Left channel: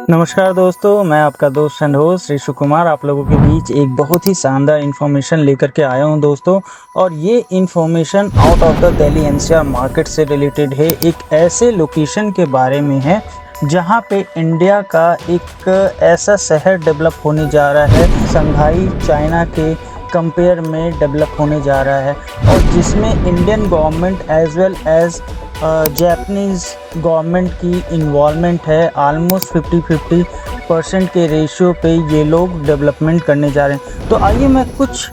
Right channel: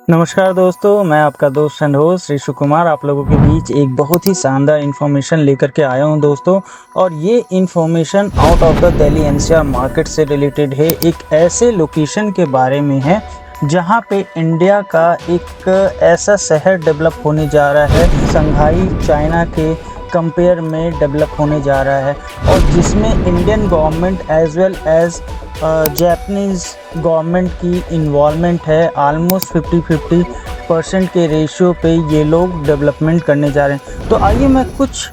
नमस्कार दोस्तों, मैं आपका दोस्त एंड होस्ट ऋषु कुमार आप लोगों के बीच एक बहुत ही शानदार इन्फॉर्मेशन लेकर के आया हूं दोस्तों। और ये information out of the Delhi NCR market से रिलेटेड है। एक ऐसे लोकेशन के बारे में है जहां पे इंडिया का एक ऐसा शहर डेवलप होने जा रहा है, शंघाई चाइना के कंपेयर में डेवलप होने जा रहा है, और जिसमें Indian government as well as Japanese government की इन्वॉल्वमेंट है। आलमोस्ट 50-50% के रेशियो पे ये लोग डेवलपमेंट करने जा रहे हैं। तो आइए मैं कुछ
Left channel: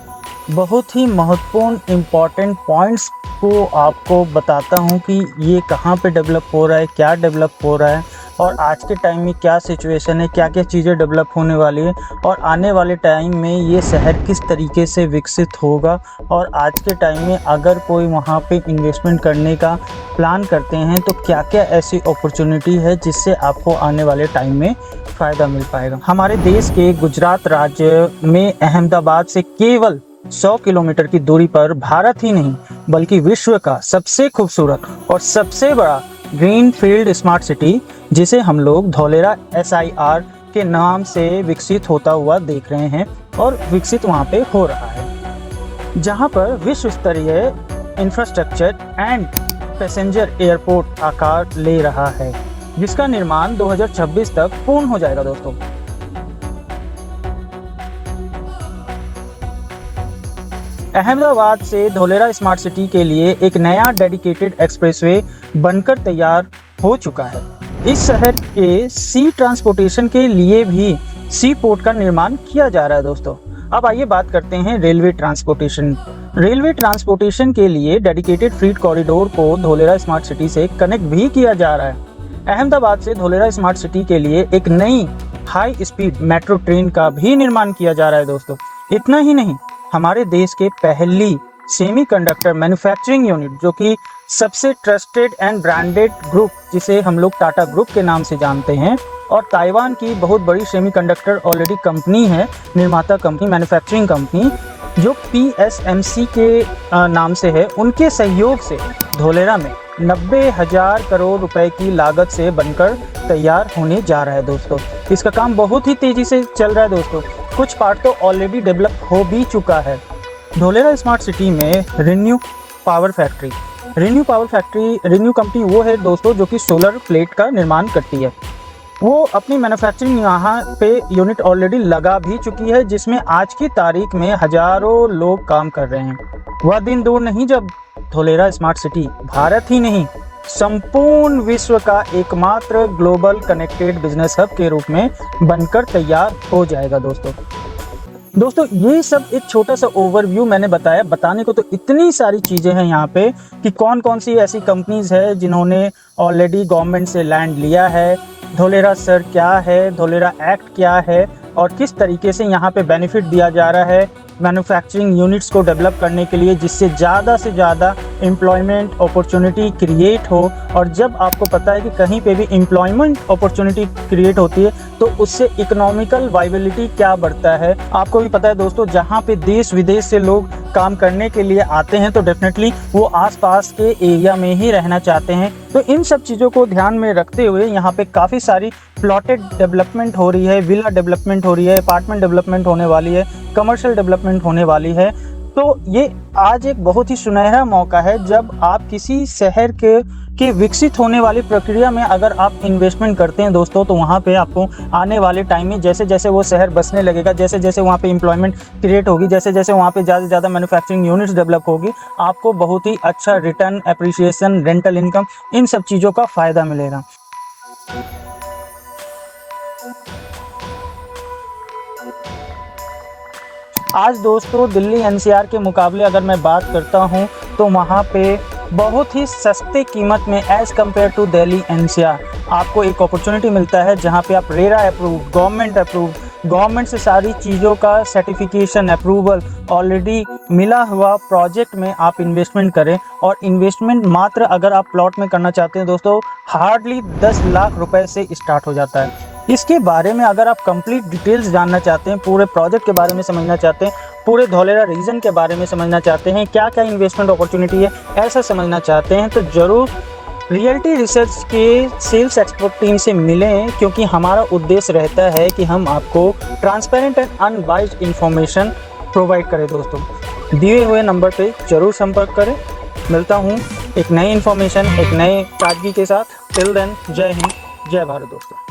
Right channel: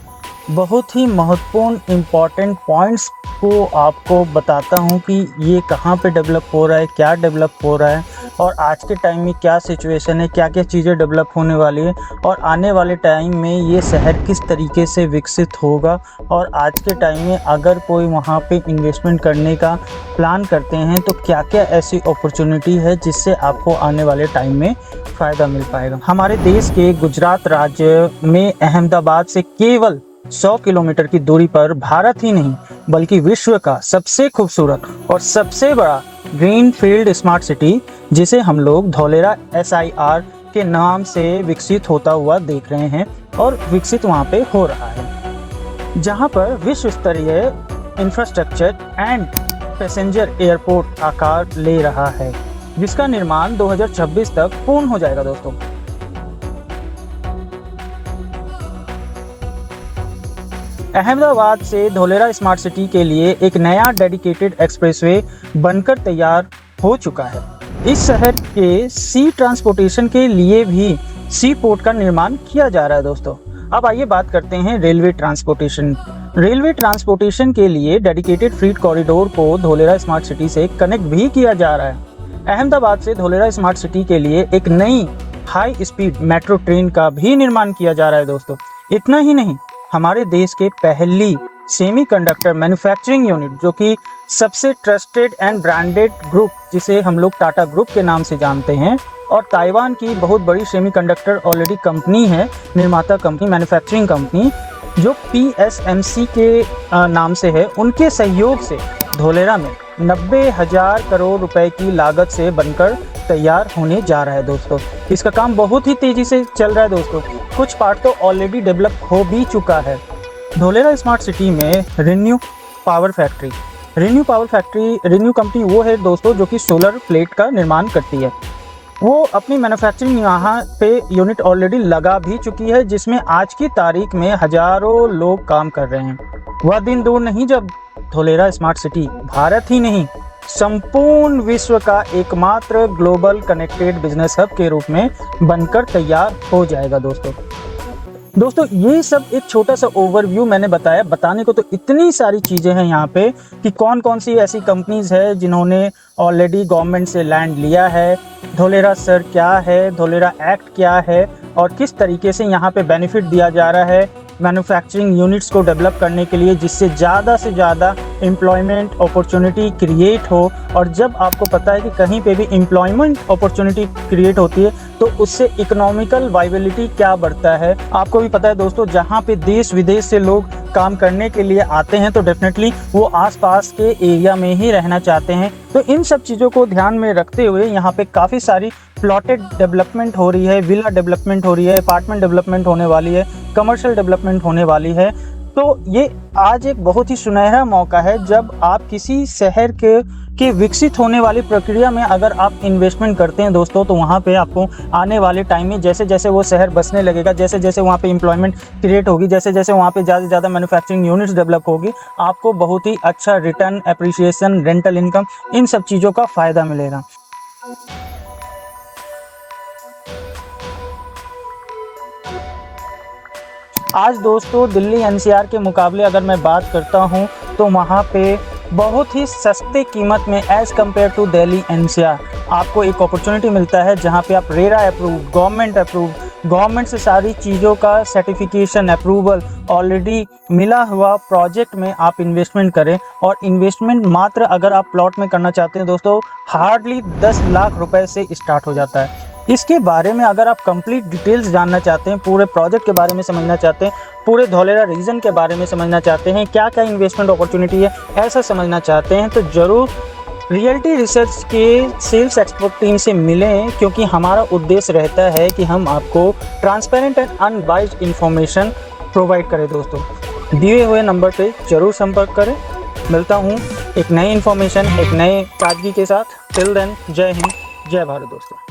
बहुत ही महत्वपूर्ण इम्पॉर्टेंट पॉइंट्स को आपको बताता हूँ कि ये कहाँ पे डेवलप हो रहा है, क्या डेवलप हो रहा है, और आज के टाइम में क्या सिचुएशन है, क्या क्या चीज़ें डेवलप होने वाली है, और आने वाले टाइम में ये शहर किस तरीके से विकसित होगा। और आज के टाइम में अगर कोई वहाँ पे इन्वेस्टमेंट करने का प्लान करते हैं तो क्या क्या ऐसी अपॉर्चुनिटी है जिससे आपको आने वाले टाइम में फ़ायदा मिल पाएगा। हमारे देश के गुजरात राज्य में अहमदाबाद से केवल 100 किलोमीटर की दूरी पर भारत ही नहीं बल्कि विश्व का सबसे खूबसूरत और सबसे बड़ा ग्रीन फील्ड स्मार्ट सिटी, जिसे हम लोग धौलेरा SIR के नाम से विकसित होता हुआ देख रहे हैं और विकसित वहाँ पे हो रहा है, जहाँ पर विश्व स्तरीय इंफ्रास्ट्रक्चर एंड पैसेंजर एयरपोर्ट आकार ले रहा है, जिसका निर्माण 2026 तक पूर्ण हो जाएगा दोस्तों। अहमदाबाद से धौलेरा स्मार्ट सिटी के लिए एक नया डेडिकेटेड एक्सप्रेसवे बनकर तैयार हो चुका है। इस शहर के सी ट्रांसपोर्टेशन के लिए भी सी पोर्ट का निर्माण किया जा रहा है दोस्तों। अब आइए बात करते हैं रेलवे ट्रांसपोर्टेशन। रेलवे ट्रांसपोर्टेशन के लिए डेडिकेटेड फ्रीट कॉरिडोर को धौलेरा स्मार्ट सिटी से कनेक्ट भी किया जा रहा है। अहमदाबाद से धौलेरा स्मार्ट सिटी के लिए एक नई हाई स्पीड मेट्रो ट्रेन का भी निर्माण किया जा रहा है दोस्तों। इतना ही नहीं, हमारे देश के पहली सेमीकंडक्टर मैन्युफैक्चरिंग यूनिट, जो कि सबसे ट्रस्टेड एंड ब्रांडेड ग्रुप, जिसे हम लोग टाटा ग्रुप के नाम से जानते हैं, और ताइवान की बहुत बड़ी सेमीकंडक्टर ऑलरेडी कंपनी है, निर्माता कंपनी, मैन्युफैक्चरिंग कंपनी, जो PSMC के नाम से है, उनके सहयोग से धौलेरा में 90,000 करोड़ रुपए की लागत से बनकर तैयार होने जा रहा है दोस्तों। इसका काम बहुत ही तेजी से चल रहा है दोस्तों। कुछ पार्ट ऑलरेडी डेवलप हो भी चुका है। धौलेरा स्मार्ट सिटी में renew power factory, renew company वो है दोस्तों जो कि सोलर प्लेट का निर्माण करती है। वो अपनी मैन्युफैक्चरिंग यहाँ पे यूनिट ऑलरेडी लगा भी चुकी है, जिसमें आज की तारीख में हजारों लोग काम कर रहे हैं। वह दिन दूर नहीं जब धौलेरा स्मार्ट सिटी भारत ही नहीं संपूर्ण विश्व का एकमात्र ग्लोबल कनेक्टेड बिजनेस हब के रूप में बनकर तैयार हो जाएगा दोस्तों ये सब एक छोटा सा ओवरव्यू मैंने बताया। बताने को तो इतनी सारी चीज़ें हैं यहाँ पे कि कौन कौन सी ऐसी कंपनीज है जिन्होंने ऑलरेडी गवर्नमेंट से लैंड लिया है, धौलेरा सर क्या है, धौलेरा एक्ट क्या है, और किस तरीके से यहाँ पे बेनिफिट दिया जा रहा है मैन्युफैक्चरिंग यूनिट्स को डेवलप करने के लिए, जिससे ज़्यादा से ज़्यादा एम्प्लॉयमेंट अपॉर्चुनिटी क्रिएट हो। और जब आपको पता है कि कहीं पे भी एम्प्लॉयमेंट अपॉर्चुनिटी क्रिएट होती है तो उससे इकोनॉमिकल वाइबिलिटी क्या बढ़ता है। आपको भी पता है दोस्तों, जहाँ पे देश विदेश से लोग काम करने के लिए आते हैं तो डेफिनेटली वो आसपास के एरिया में ही रहना चाहते हैं। तो इन सब चीज़ों को ध्यान में रखते हुए यहाँ पे काफ़ी सारी प्लॉटेड डेवलपमेंट हो रही है, विला डेवलपमेंट हो रही है, अपार्टमेंट डेवलपमेंट होने वाली है, कमर्शियल डेवलपमेंट होने वाली है। तो ये आज एक बहुत ही सुनहरा मौका है जब आप किसी शहर के विकसित होने वाली प्रक्रिया में अगर आप इन्वेस्टमेंट करते हैं दोस्तों, तो वहाँ पे आपको आने वाले टाइम में जैसे जैसे वो शहर बसने लगेगा, जैसे जैसे वहाँ पे एम्प्लॉयमेंट क्रिएट होगी, जैसे जैसे वहाँ पे ज़्यादा से ज़्यादा मैन्युफैक्चरिंग यूनिट्स डेवलप होगी, आपको बहुत ही अच्छा रिटर्न, एप्रिसिएशन, रेंटल इनकम, इन सब चीज़ों का फ़ायदा मिलेगा। आज दोस्तों दिल्ली NCR के मुकाबले अगर मैं बात करता हूँ तो वहाँ पे बहुत ही सस्ते कीमत में as compare to Delhi NCR आपको एक अपॉर्चुनिटी मिलता है, जहाँ पे आप रेरा अप्रूव, गवर्नमेंट से सारी चीज़ों का सर्टिफिकेशन, अप्रूवल ऑलरेडी मिला हुआ प्रोजेक्ट में आप इन्वेस्टमेंट करें। और इन्वेस्टमेंट मात्र अगर आप प्लॉट में करना चाहते हैं दोस्तों, हार्डली 10 लाख रुपए से स्टार्ट हो जाता है। इसके बारे में अगर आप कंप्लीट डिटेल्स जानना चाहते हैं, पूरे प्रोजेक्ट के बारे में समझना चाहते हैं, पूरे धौलेरा रीजन के बारे में समझना चाहते हैं, क्या क्या इन्वेस्टमेंट अपॉर्चुनिटी है, ऐसा समझना चाहते हैं, तो ज़रूर रियलिटी रिसर्च के सेल्स एक्सपर्टीज से मिलें, क्योंकि हमारा उद्देश्य रहता है कि हम आपको transparent and unbiased information provide करें। दोस्तों, दिए हुए नंबर पे जरूर संपर्क करें। मिलता हूँ एक नई इन्फॉर्मेशन, एक नए ताजगी के साथ। जय हिंद, जय भारत दोस्तों।